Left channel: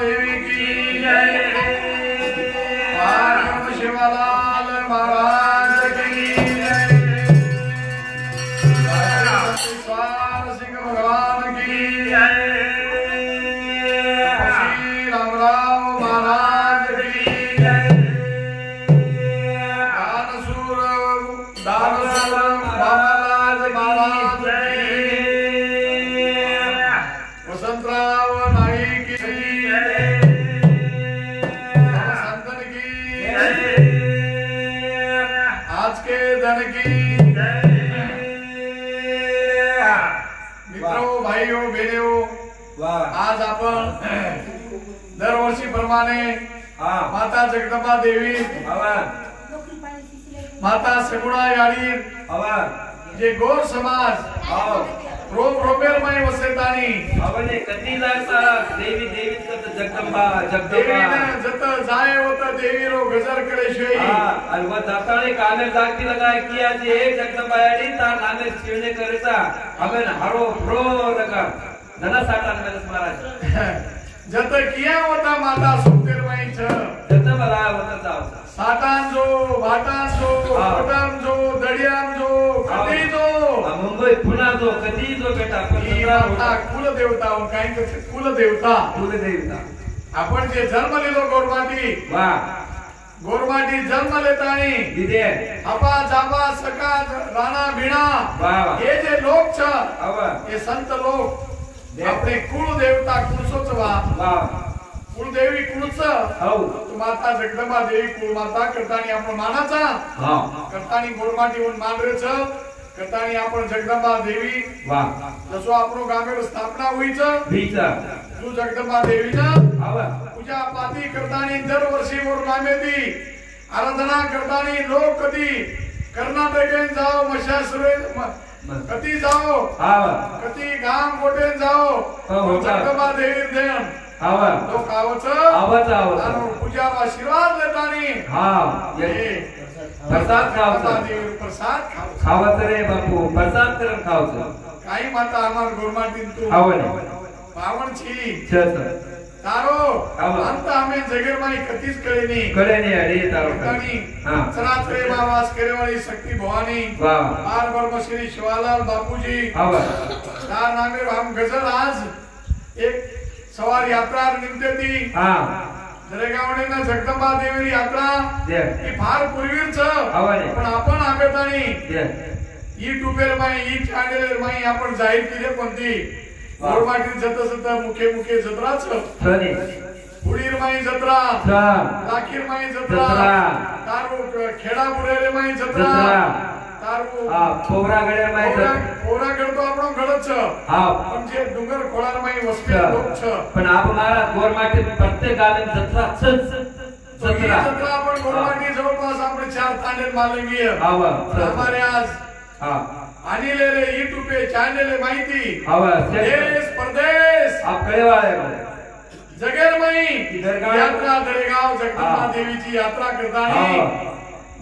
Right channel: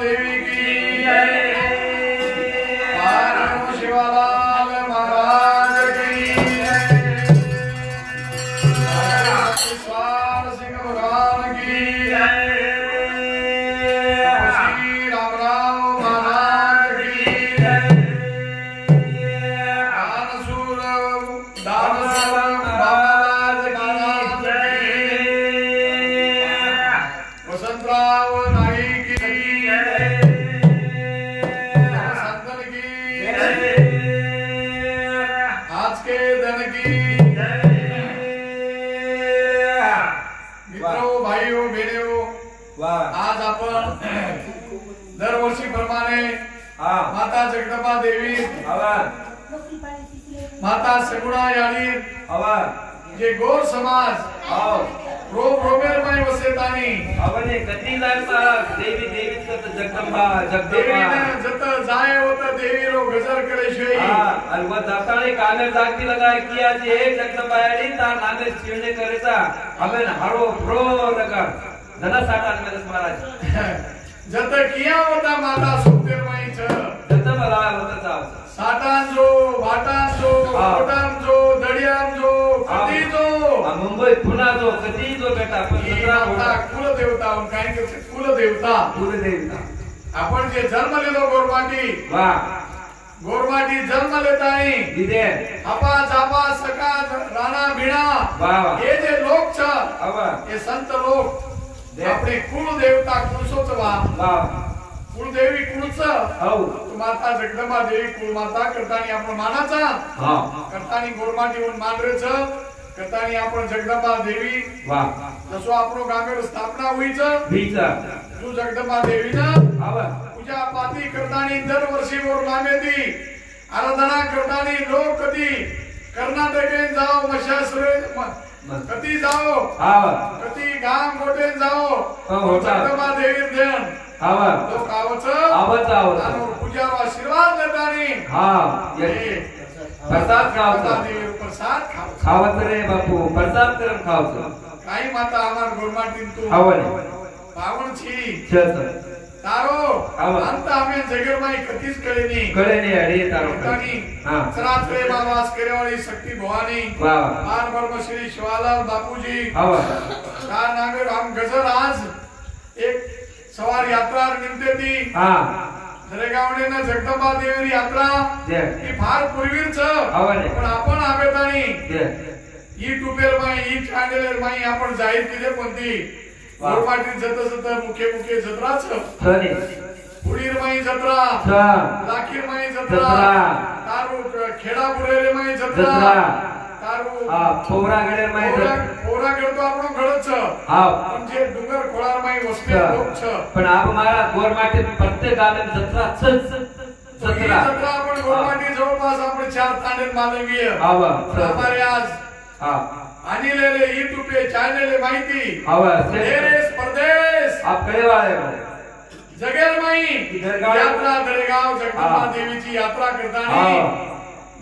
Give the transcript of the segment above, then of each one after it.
देवी की जय। पार्वती शिवलाल महाराज की जय। स्वार सिंह भगवान की जय। श्री रामराव महाराज की जय। दानसूर बाबालाल महाराज की वसंतराव नाईक की जय। संतन की जय। आज के धन की जय। मित्रों भाइयों बहनों, आज आपण दरवर्षीप्रमाणे माता जगदंबा देवी माता सगुणा याळी जे गोर समाज रोबेरमय वसेतानी ಅವನೇ ಕತ್ತಿದಾರ देवी देवी जगदंबा देवीने जत जाए होत देवी रो गजर करे छे और वो दर्शने कामे जाती लगाय किया जे जगदंबा याडी तार नामे शिवने करेता हमें हरो प्रो लगा धना साठान में महाराज जत किया होता माता सुखदेवमय छ जत बला होता जाव साठान जो वाटान जो कोटान जो दडियान जो कधी जो मुंबई पुन्हा जो कधी जो बेटा माता कुल देवता काय कसे कुल देवता आपण जे जन्म लेलो गोरमाटी गोरमाटी जन्म लेतानी इदे आपा जाबा सका राणा बिना हे जे लोक छ हे संत लोक आपले कुल देवता कुलसोच कुलदेवी कुलच माता जगदंबा देवी कुल माता करतानी आपण मानाचा करतानी गोरमाटीहून मांद्रेच करतानी आपण जगदंबा देवी जसो आपण गामेड स्थापना होईच तू जगदंबा देवीनं पूजा पाती करतानी दरवर्षी मोर नामेती आराधना करतानी लोक कधी कर्नाटकेन जाओ मशासरे कधी जाओ कधी गाम कोटेन जाओ जगदंबा देवी देण लोक आवच पूजा आशीर्वाद देतानी प्रसाद खावतो प्रसाद खावत रे बापू प्रसाद करून खावतो काही माता आमार गोरमाटीन तू पावन छी तारो अंत आम्ही जगरमाई कधीच कळेनी अडे तारो सरात्रे मावास करेवाली शक्ती भवानी पार ब्रह्म श्री शिवालाल बापूजी तार नामे हम गजर आज एक सवार यात्रा निघते ती दरेगावने ना जगदंबा देवी यात्रा ही फार पूर्वीच पण आपण आबेतानी युट्यूबर माई ई चॅनल माई आपण जाहीर केले कोणती गोरमाटी जत मुखे जत्राच पुडीर माई जत्रा लाखीर माई जत्रा तारू खेडा बुरेरे माई जत्रा तारू पोरागडे माई पोरागड तो आपण घडच पण जे डुंगर खोळार माई वस्ती लोक छ पण आप मारा गोरमाटी प्रत्येक गावे जत्रा जत्रा आपण गोरमाटी जवळपास आपण 4 तांडे मालवीय हमारे आज आणलेले YouTube पे चॅनल माहिती देश परदेश आपले वाले जगेर माई यात्रा दरेगाव जगदंबा देवीची यात्रा करताना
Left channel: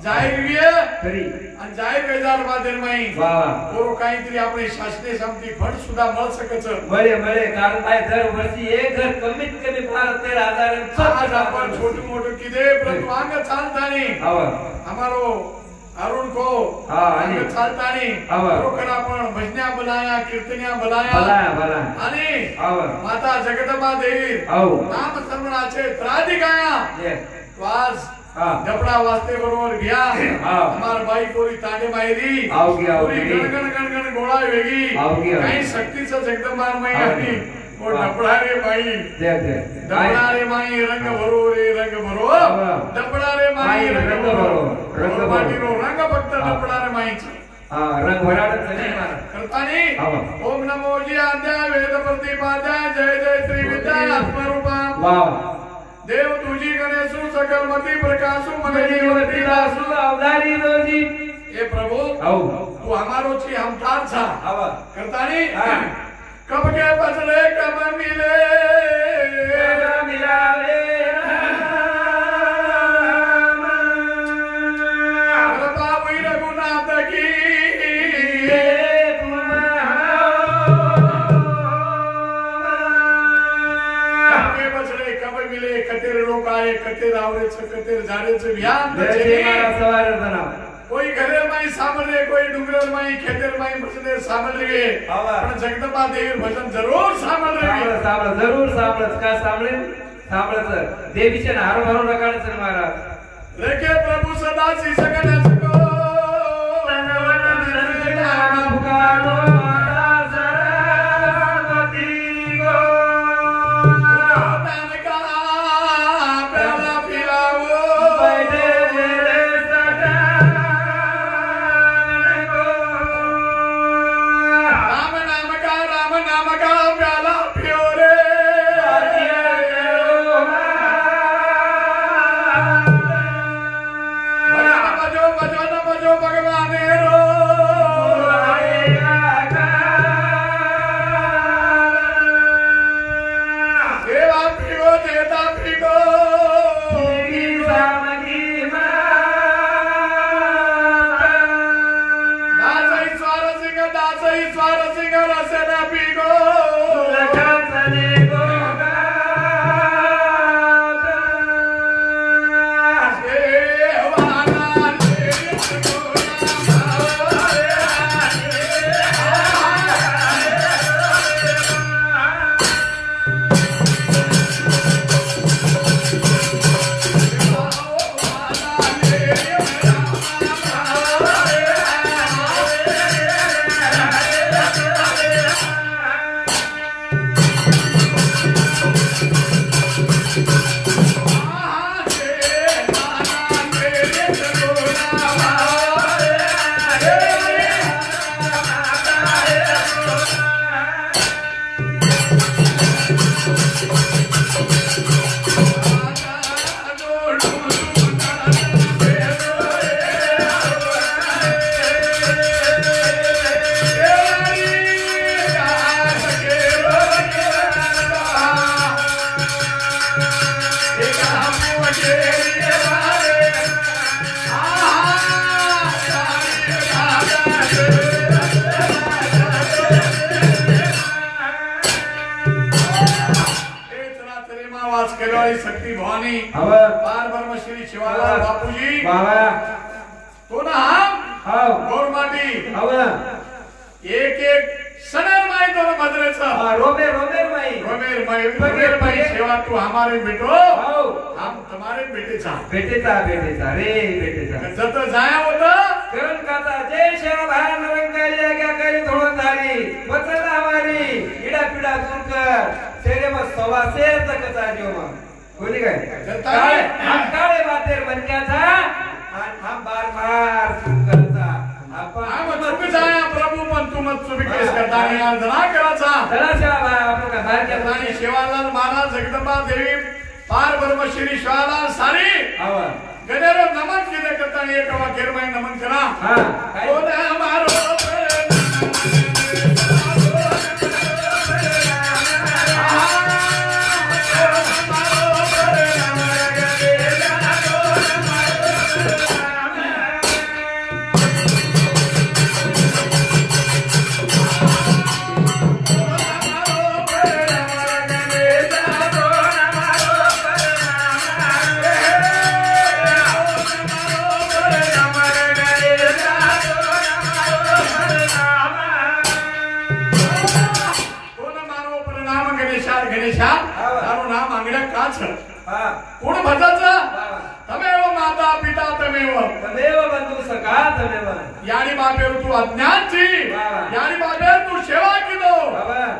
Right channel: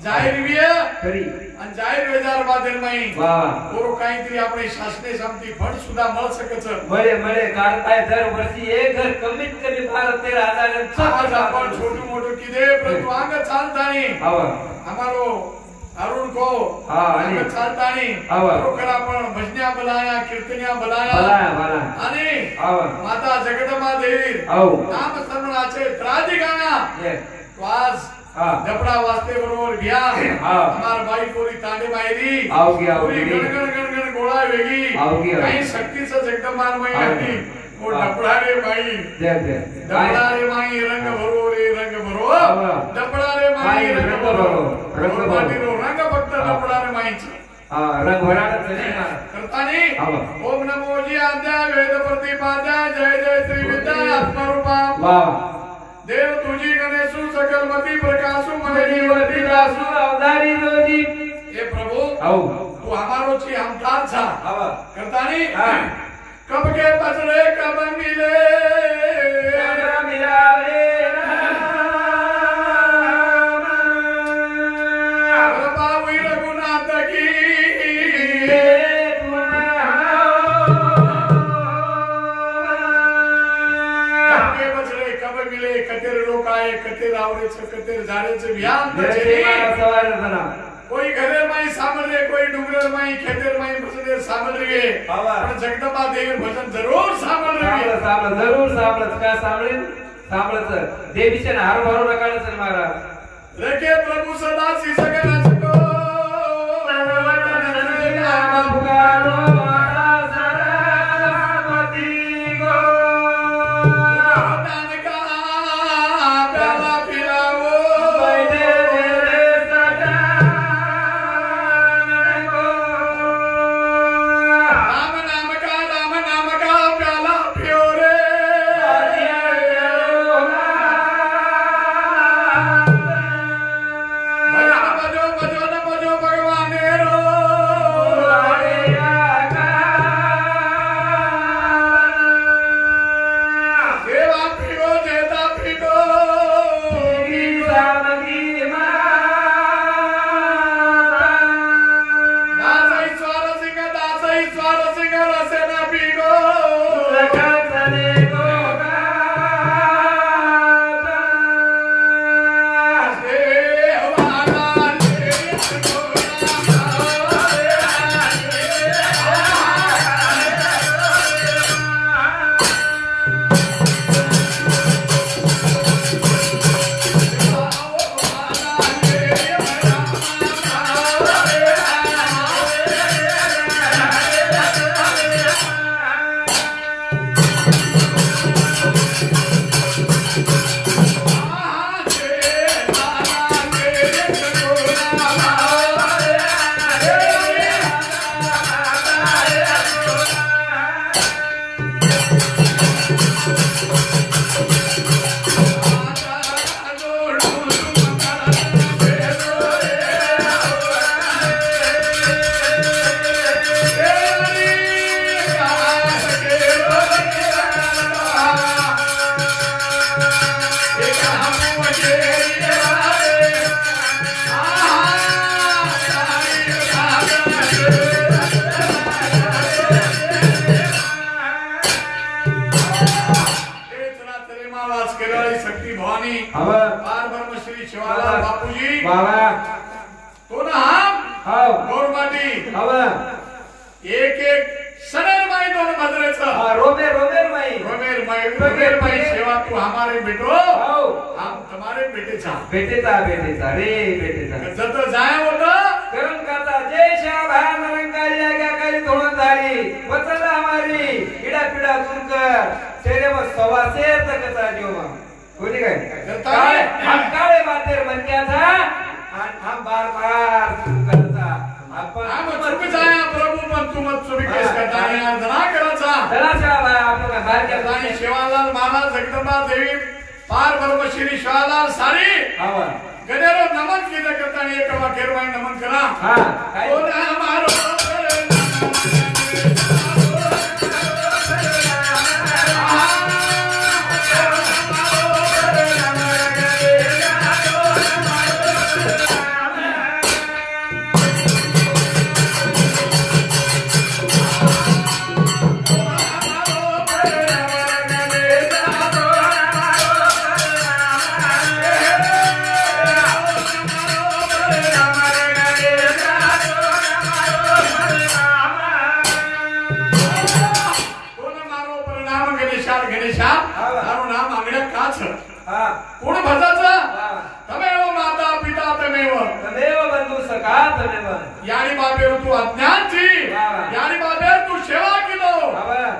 जाहीर विय आणि जाहीर वेदार बादर माई बरो काहीतरी आपले शासने संमती फंड सुद्धा मिळ सकच मळे कारण काय दर वर्षी एक घर कमीत कमी 12-13 आज आपण छोटू मोठू किदे प्रतवांग चालतानी हमारो अरुण को चालतानी बरोबर आपण भजन्या बोलाया कीर्तन्या बोलाया आणि माता जगदंबा देवी नाम स्मरणाचे त्रादिकाया वाज डबडा वाजते बरोबर घ्या हमार बाई कोरी तांडे मायरी कोरी गणगण गोळा वेगी काही शक्तीचं जगदंबा माई आली ओ डबडा रे माई डबडा रे माई रंग भरो रे रंग भरो डबडा रे माई रंग भरो रंग फक्त डबडा रे माईची रंग भराड करतानी ओम नमो जी आद्या वेद प्रतिपाद्या जय जय श्री विद्या आत्मरूपा देव तुझी गणेशु सकल मती प्रकाशु मने जीवती रासु अवतारी दोजी हे प्रभु तू हमारो छी हमतार छा करतानी कब के पछले कब मिले मिलावे रघुनाथ की पुनः बचले कम मिले कतेर लोक आहे कतेर आवरेचं कतेर झाडेचं व्यान कोई घरे माई सामल कोई डुंगर माई खेतर माई बचले सामल रे पण जगदंबा देवी भजन जरूर सामल रे जरूर सामलच का सामळत देवीचे हार भरून नकाळच महाराज रखे प्रभु सदा सी सगळ्याच को शक्ती भवानी पार ब्रह्म श्री शिवालाल बापूजी तो ना हम गौरमाटी एक एक सनर माई दोन भद्रेचं रोमेर माई सेवा तू हमारे बेटो हम तुम्हारे बेटेचा जत जाया होतं करण करता जय श्याम भाया नरंगाई क्या करी धोण झाली वचन हमारी इडा पिडा दूर कर तेरे मत सवा शेर तक कथा जेवा कोणी काय हम काळे बातेर बन गया था हम बार बार चुप करता हम चुप जाया प्रभु पण तू मत चुप केस करता यार धना कराचा धना श्याम भाया आपण बाहेर क्या राणी शिवालाल महाराज जगदंबा देवी पार ब्रह्म श्री शिवालाल सारी गणेरो नमन केले करता एक वाक्यर माई नमन करा कोण हमारो कोण भजाचा तमेव माता पिता तमेव बंधू सखा तमेव यानी बाबेर तू अज्ञानची यानी बाबेर तू सेवा केलो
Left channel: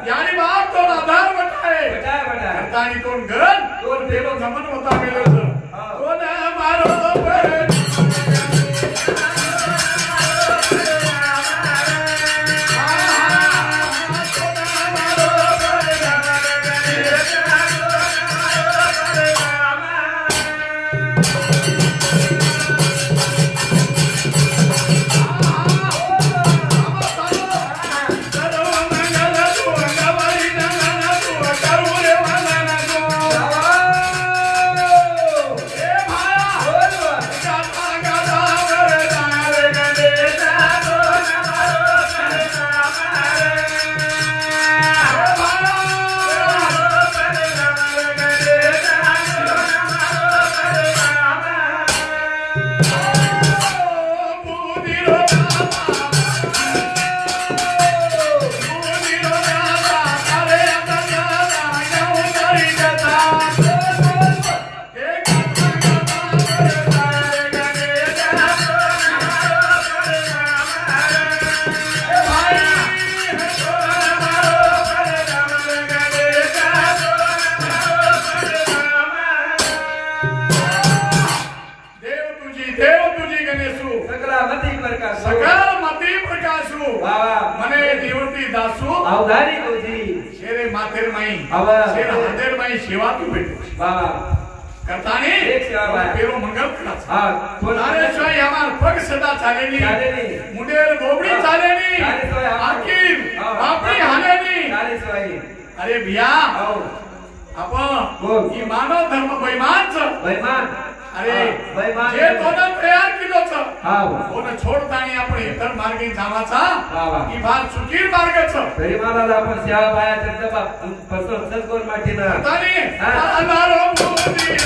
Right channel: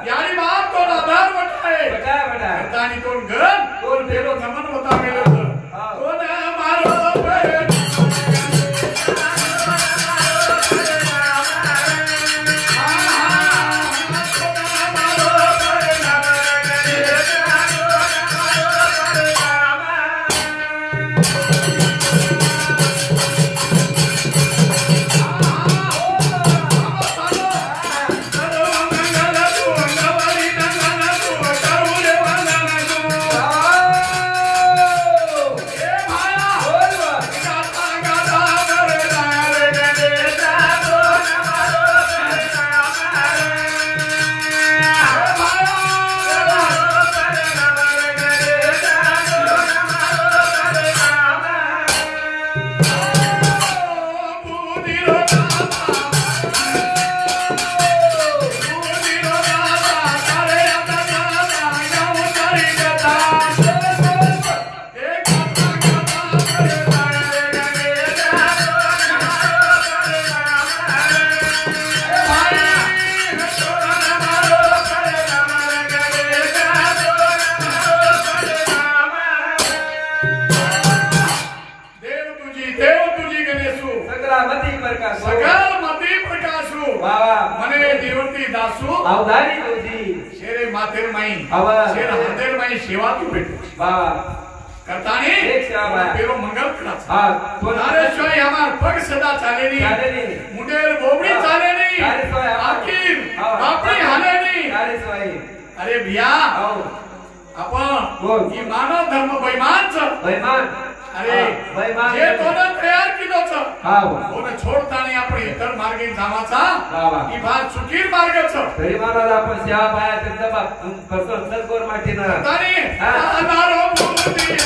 यानी बाप तो आधार वटाय तानी कोण गण कोण बेलो नमन होता मेलो कोण मारो अवधारी तुझी शेरे मातेर माई आवा शेर हातेर माई सेवा तू भेटू बाबा करतानी एक सेवा पेरो मंगल कराच हा तो नारेश्वरी हमार पग सदा चालेनी मुंडेर बोबडी चालेनी आखिर बापडी हालेनी अरे भिया आपण ही मानव धर्म बैमान अरे जे तोनं तयार केलोच कोण छोडतानी आपण इतर मार्गे जावाचा ही फार चुकीर मार्गच तरी मला आपण सेवा पाया त्याचा फसवत सद्गुर माटीनं तानी अनारो मोदी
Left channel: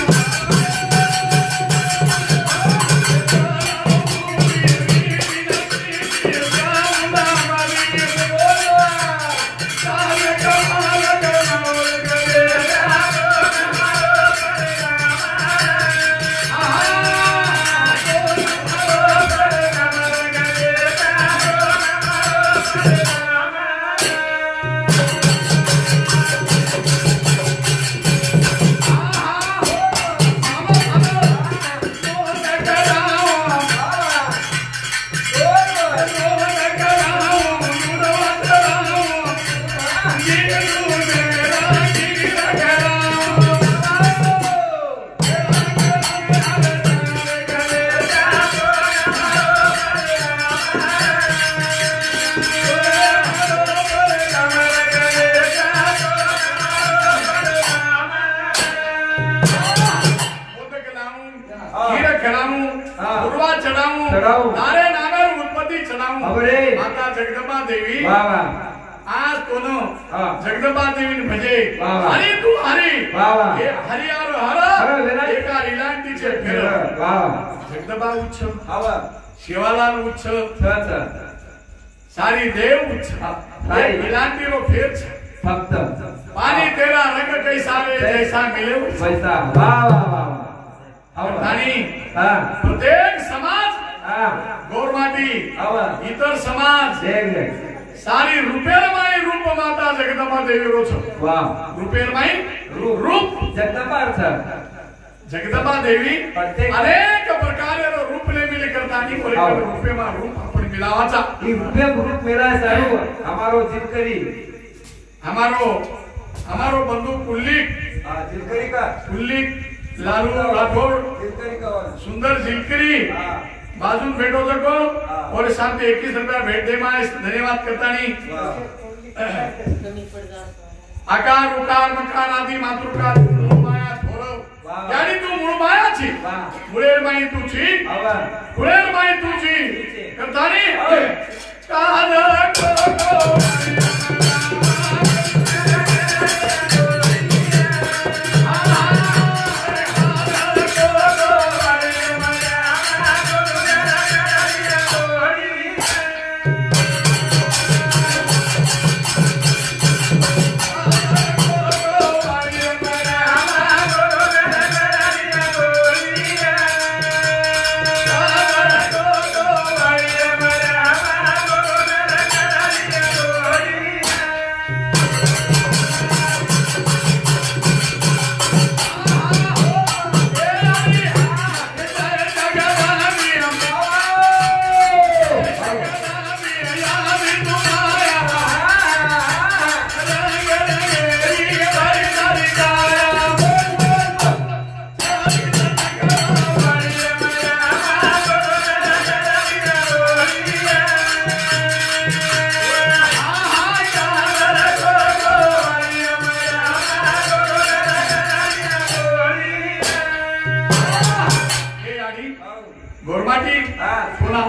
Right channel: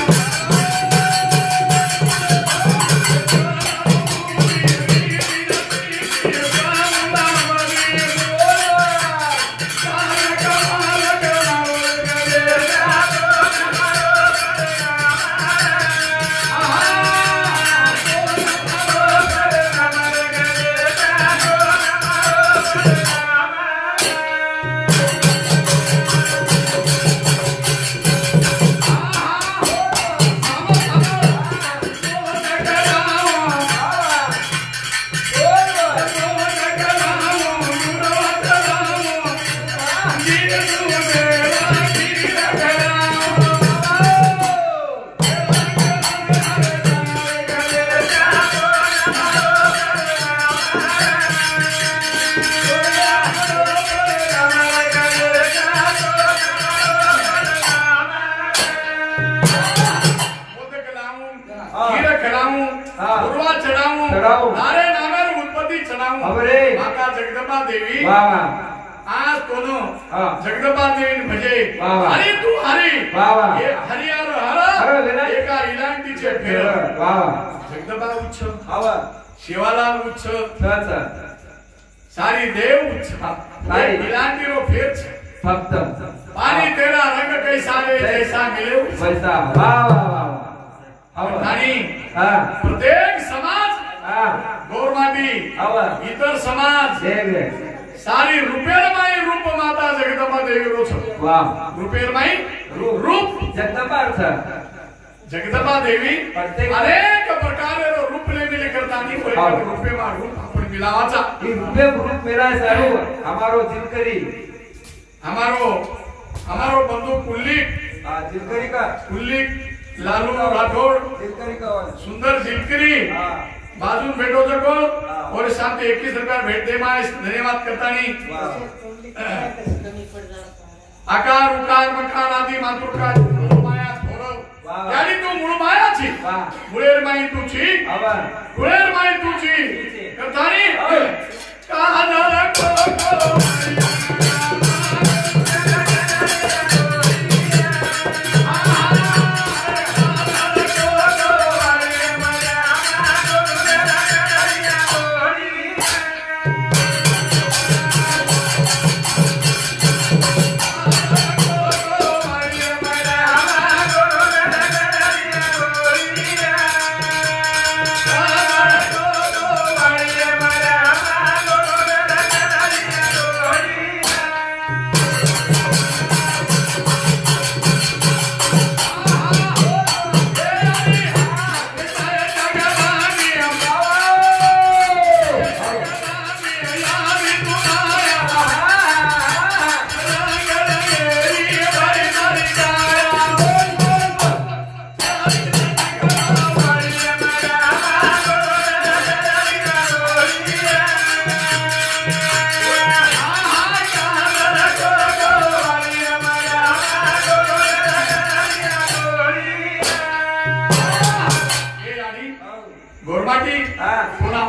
जगदंबा देवी आज तो जगदंबा देवी म्हणजे हरी तू हरी हे हरी और हर एका इलांटीचे फेर जगदंबा उच्च शिवाला उच्च सारी देव उच्च इलांटी रो फेर फक्त पानी तेरा रंग कैसा है जैसा मिले वैसा आणि प्रत्येक समाज गौरमाटी इतर समाज सारी रुपेरमाई रूप माता जगदंबा देवी रोच रुपेरमाई रूप जगदंबा देवी अनेक प्रकारे रूप ने मिली करतानी रुपेमा रूप आपण मिलावाचा रूप मेरा सारू हमारो जिनकरी हमारो बंधु कुल्लिक जिनकरी का कुल्लिक लालू राठौड़ जिनकरी का सुंदर जिनकरी बाजू भेटो सको और साथ 21 रुपया भेट दे मां धन्यवाद करता नहीं आकार उकार मकार आदि मातृकार माया थोरो यानी तू मूळ मायाची मुळेर माई तुची मुळेर माई तुची करता नहीं कान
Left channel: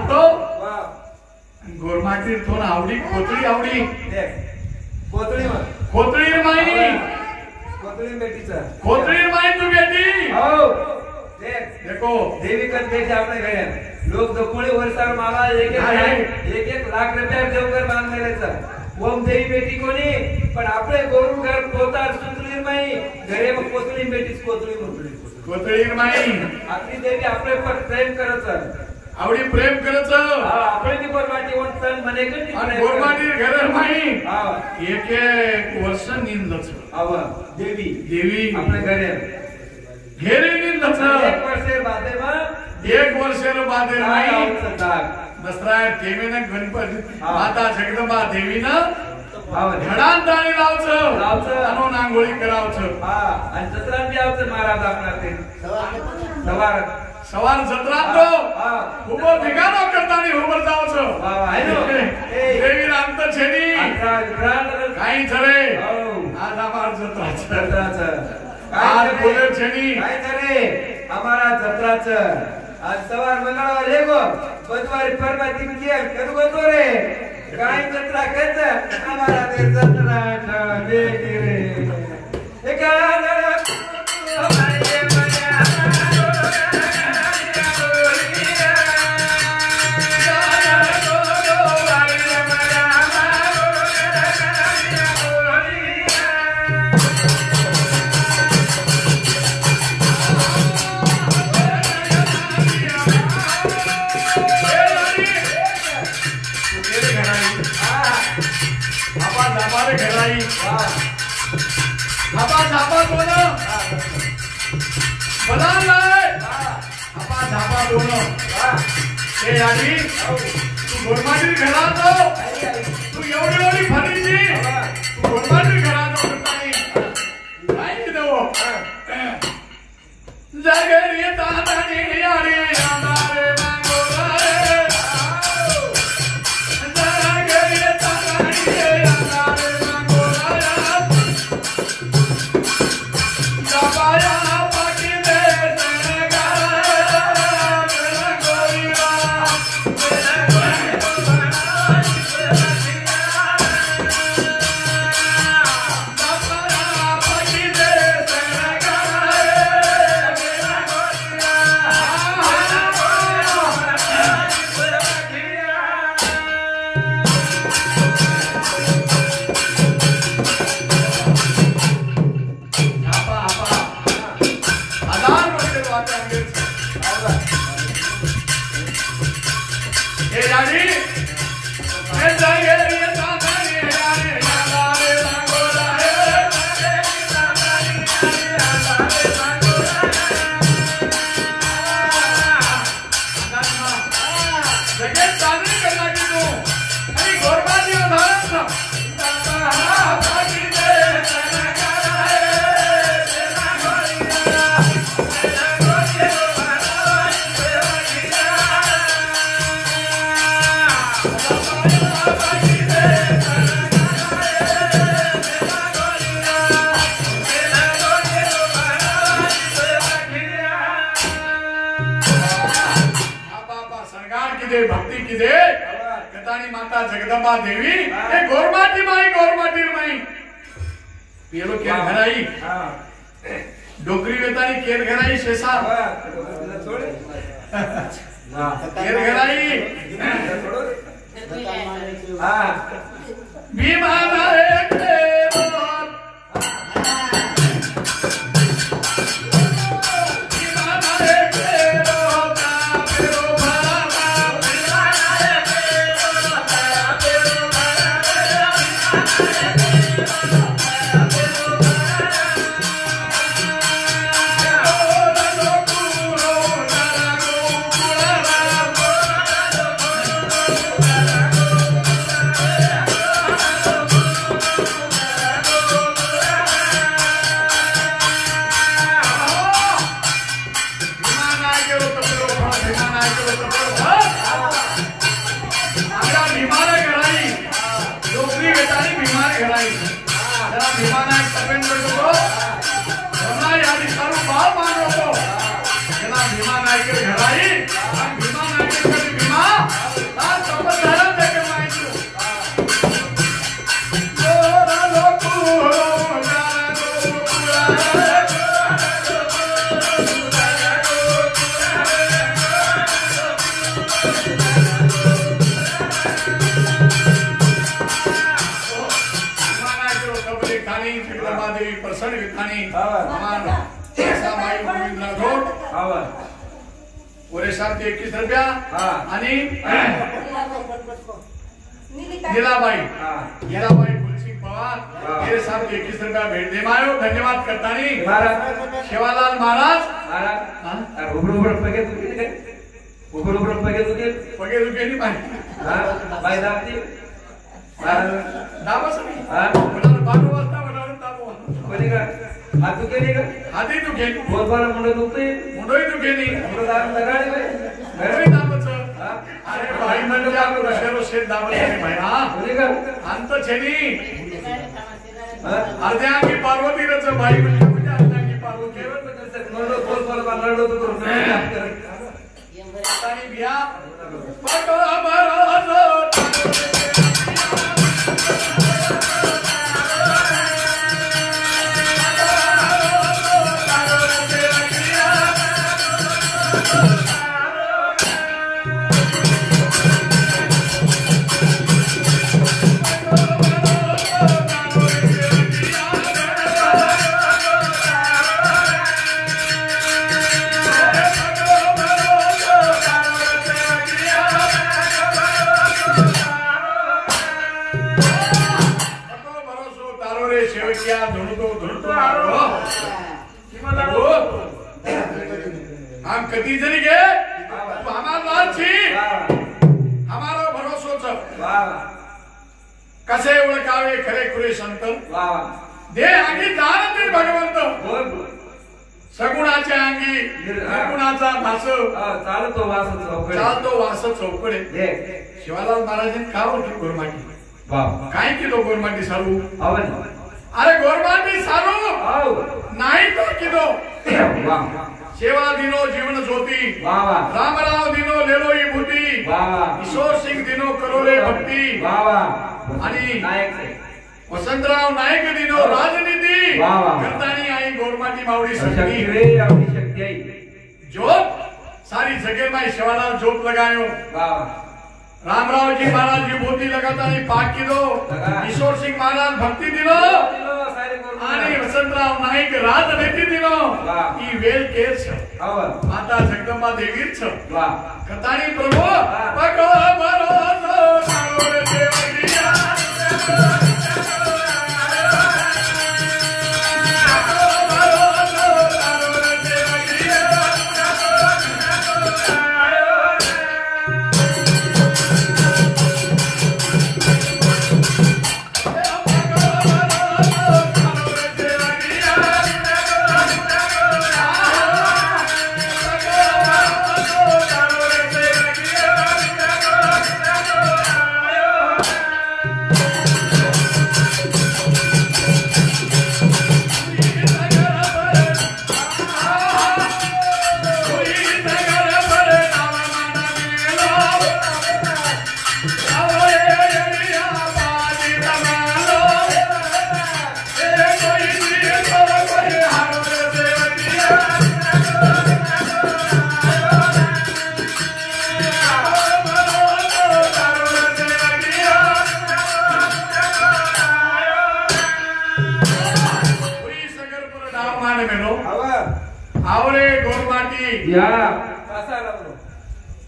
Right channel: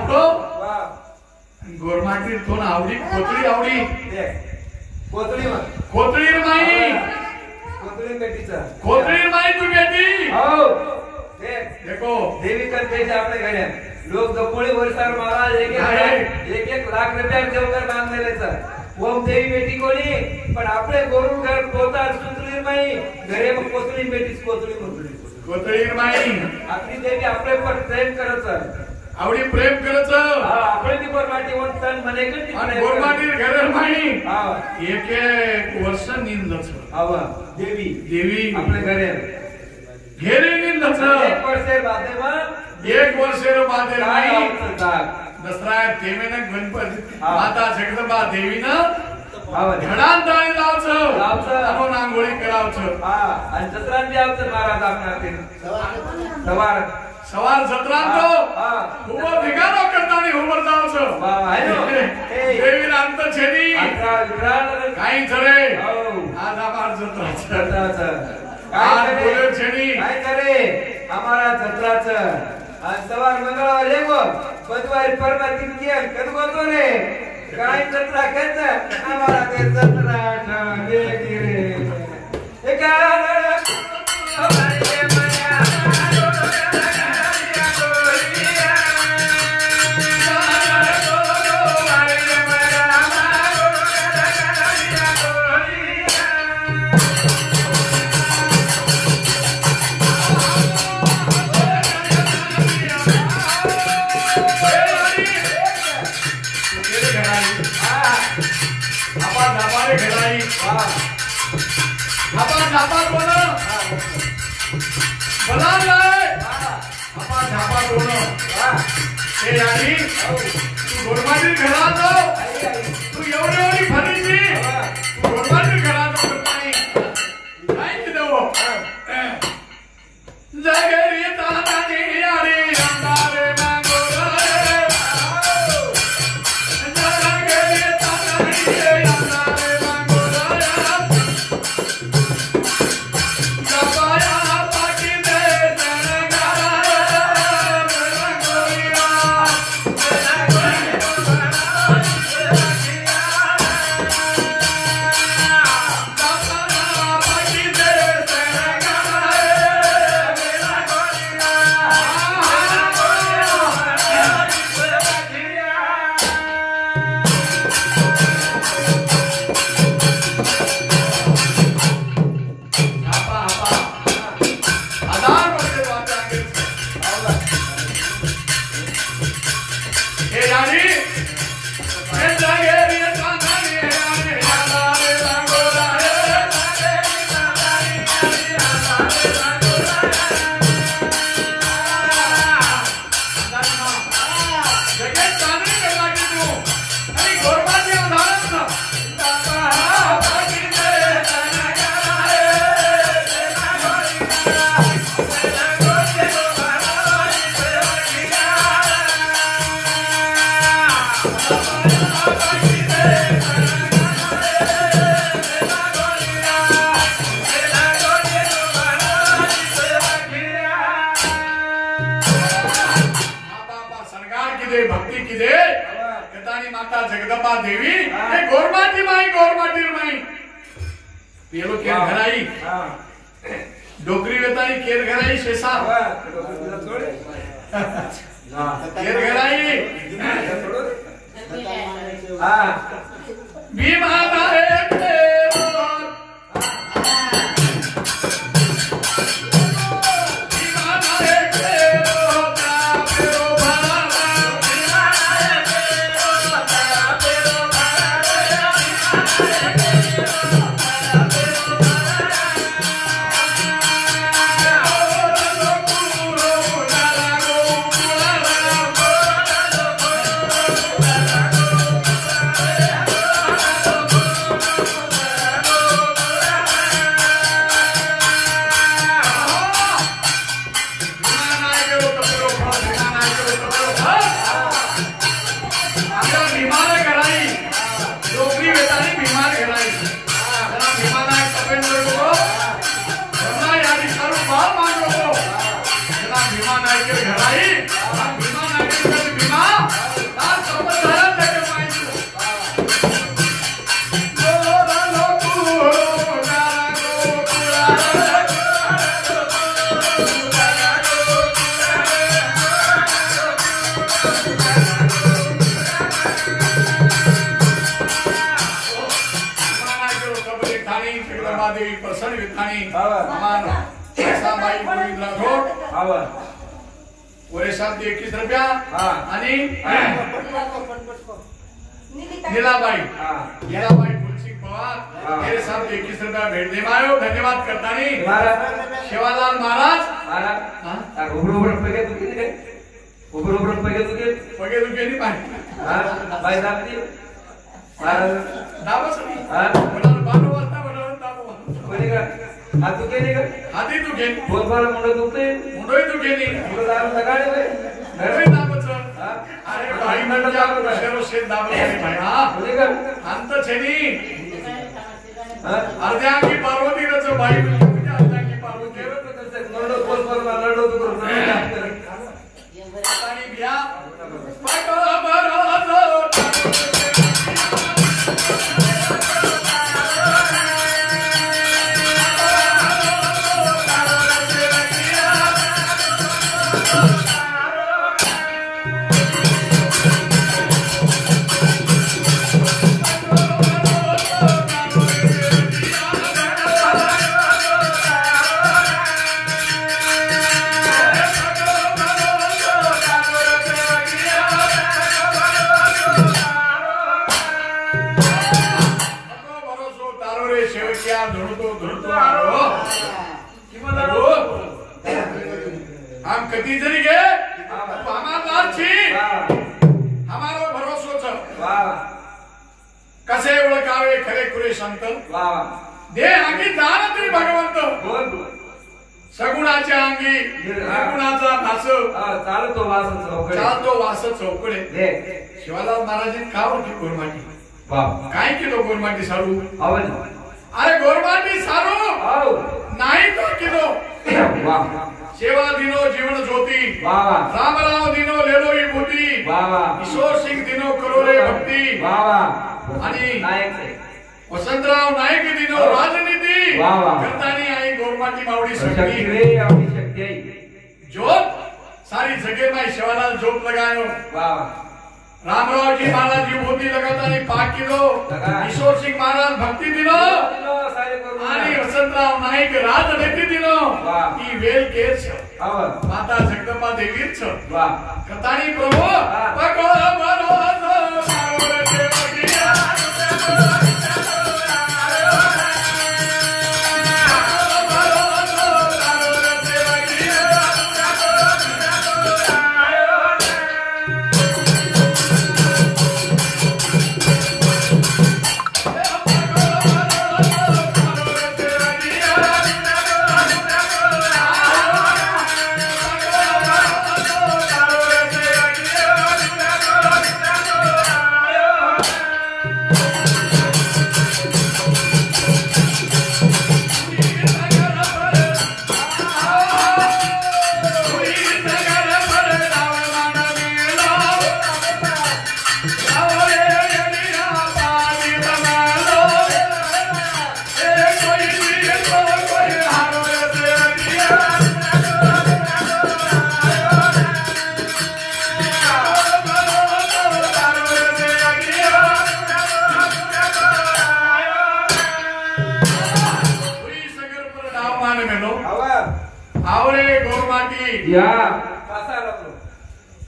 को गोरमाटी तो आवडी कोतळी आवडी कोतळी माई कोतळी माई तू बेटी हो देखो देवी करते आपल्या घड्या लोक दपोळी वर्षार मला एक एक लाख रुपया देवघर बांधलेचा ओम देवी बेटी कोणी पण आपले गोरू घर पोतार सुंदरी माई घरे मग कोतळी बेटीच कोतळी माई आपली देवी आपले पर प्रेम करत आवडी प्रेम करत आपली गोरमाटी वंतन म्हणे की गोरमाटी घर माई एक एक वर्ष निंदच देवी आपल्या घरे घेरे निंदच एक वर्षे बादे माई दसरा तेमेन गणपती माता जगदंबा देवीनं घडांताणी लावचं म्हणून आंघोळी करावचं आणि जत्रांची आवचं महाराज आपणार ते सवार सवार जत्रांतो उभं भिगानो करतानी उभं जावचं देवी रामत छेनी काही झरे आज आभार जत्राचं आज बोले छेनी काय करे हमारा जत्राचं आज सवार मंगळवार येगो बुधवारी परमाती केल करू तो रे काय जत्रा करत हमारा ते जत्रा बेगी रे एका झापा कोण बलाय आपा झापा कोण ते यावी तू गोरमाची घरात तू एवढी फरीची तू गोरमाची घरात काय की देव जगरी तानाने यारे आमारे मांगोरे जगरी तानाने यारे भक्ति की दे कतानी माता जगदंबा देवी गोरमाटी माई पेलो केर घराई डोकरी वेतानी केर घराई शेसा केर घराई भीमा नारे प्रसन्न विधानी हमारा ऐसा माई गोविंद राठोड पूरे 721 रुपया आणि नीलाबाई फुलसिंग पवार मेरे 721 रुपया भेट दे मायो धन्यवाद करतानी शिवालाल महाराज पगे दुखे नहीं पाहिजे दाबस नाही म्हणाल 12 वाजता म्हणाल दाबो कोणी का हात दुखे नाही का हाती दुखे बोलबार मुंड दुखे मुंडोई दुखे नाही मुंड दार लगाडे घरी दाबच अरे बाई म्हणजे शेरोशे दाबच नाही भैया कोणी का अंत छेनी अर्ध्या अंगी पार्वती रच बाई म्हणजे अर्ध्या पार्वती नडो बोलबार नडो दुख आणि बिया पटो बरोजो हम कति जनी गे हमारो भरोसो कसे ओळखावे खरे खुरे संत दे अंगी जाणते भगवंत सगुणाच्या अंगी निर्गुणाचा भास चालतो वास चौकडे शिवालाल महाराजांनी का ओळखली गोरमाटी काय किलो गोरमाटी सारू अरे गोरमाटी सारू नाही तो किलो सेवा दिनो जीवन ज्योति रामराव दिनो लेलो ही भूती किशोर सिंह दिनो करो रे भक्ती आणि वसंतराव नाईक दिनो राजनीती करतानी आई गोरमाटी मावडी सगळी जोत सारी जगे में शिवालाल जोत लगायो रामराव जी महाराज जी भूती लगातानी पाक किलो किशोर सिंह महाराज भक्ती दिनो आणि वसंतराव नाईक राजनीती दिनो ही वेल केस माता जगदंबा देवीच कथानी प्रभू पकड़ो भरोसा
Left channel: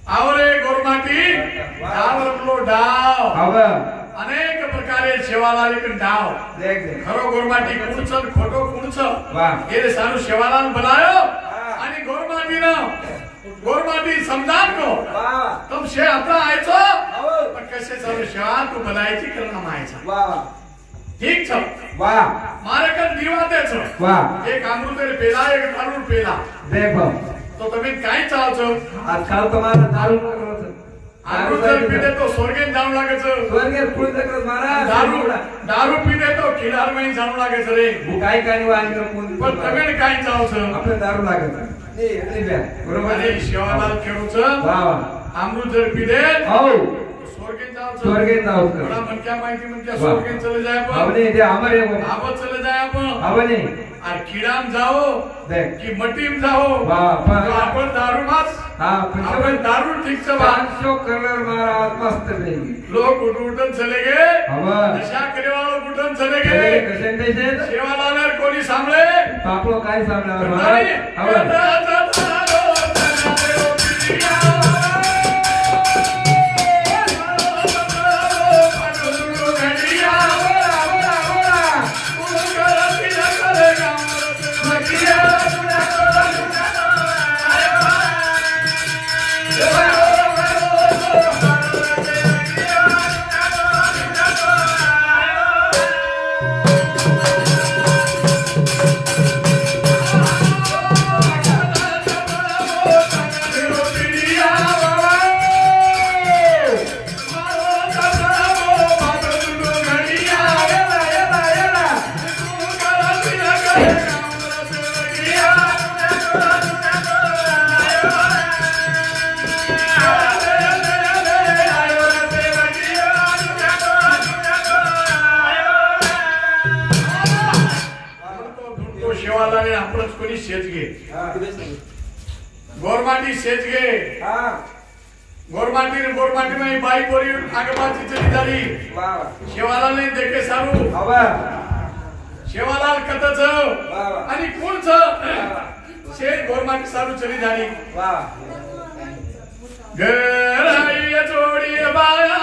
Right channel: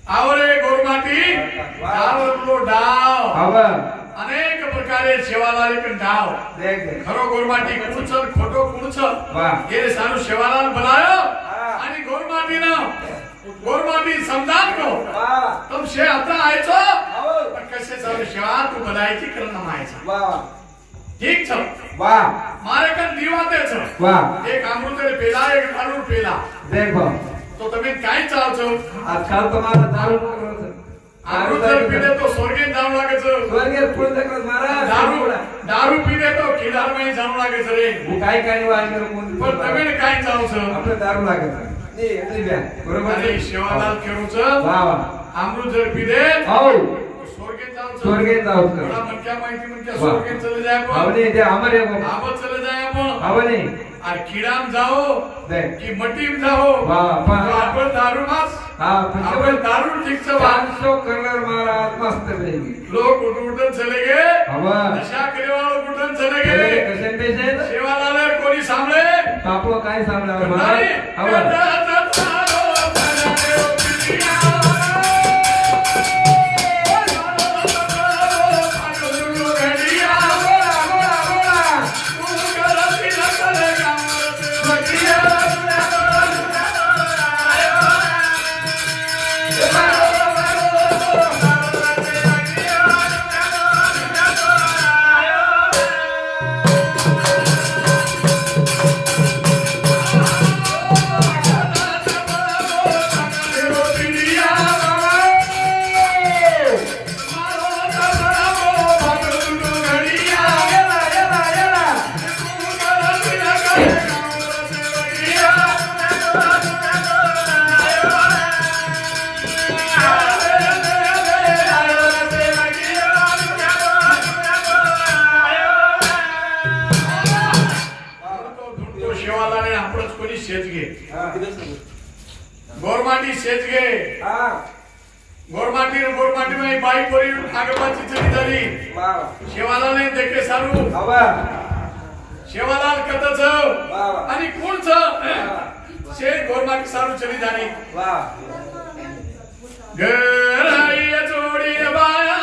आवरे गोरमाटी डावरलो डाव अनेक प्रकारे सेवालाल डाव खरो गोरमाटी कुणच खोटो कुणच हे सारू सेवालाल बनायो आणि गोरमाटी समजान को तुम शे आता आयचो पण कसे सारू सेवा तू बनायची करणं मायचा ठीक छ मारे कन दीवातेच एक अमृत पेला एक दारू पेला देखो तो तुम्ही काय चालतो आजकाल तुम्हाला दारू अमृत पीले तो स्वर्गेत जाऊ लागायचं स्वर्गेत पुढे महाराज दारू पीले तो खिलार में जाऊ लागायचं रे काय काय वाजलं पण तुम्ही काय चालतो आपलं दारू लागायचं बरोबर आहे शिवालाल खेळूचं अमृत जर पीले हो स्वर्गेत जाऊ बड़ा मन क्या माहिती मन क्या स्वर्गेत चले जाए आवने दे हमारे आवत चले जाए आप आवने और कीड़ाम जाओ कि मटीम जाओ आपण दारू मास आपण दारू ठीक से 500 कलर महाराज मस्त रहेगी लोग उठन चले गए नशा करे वालों उठन चले गए सेवालाल कोणी सांभळे आपलो काय सांभळा शेजगे गोरमाटी शेजगे गोरमाटी में बाई बोरी आगपाची जमीदारी शेवालाल ने देखे सारू शेवालाल कतच आणि कोणच शेत गोरमाटी सारू चली जाणी गराई जोडी बाया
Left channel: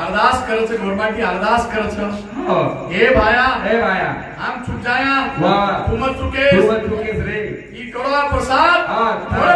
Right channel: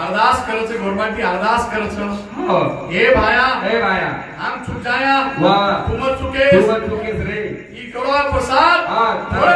अरदास करच गोरमाटी अरदास करच हे भाया हम चुक जाया तुम चुके रे ई करो प्रसाद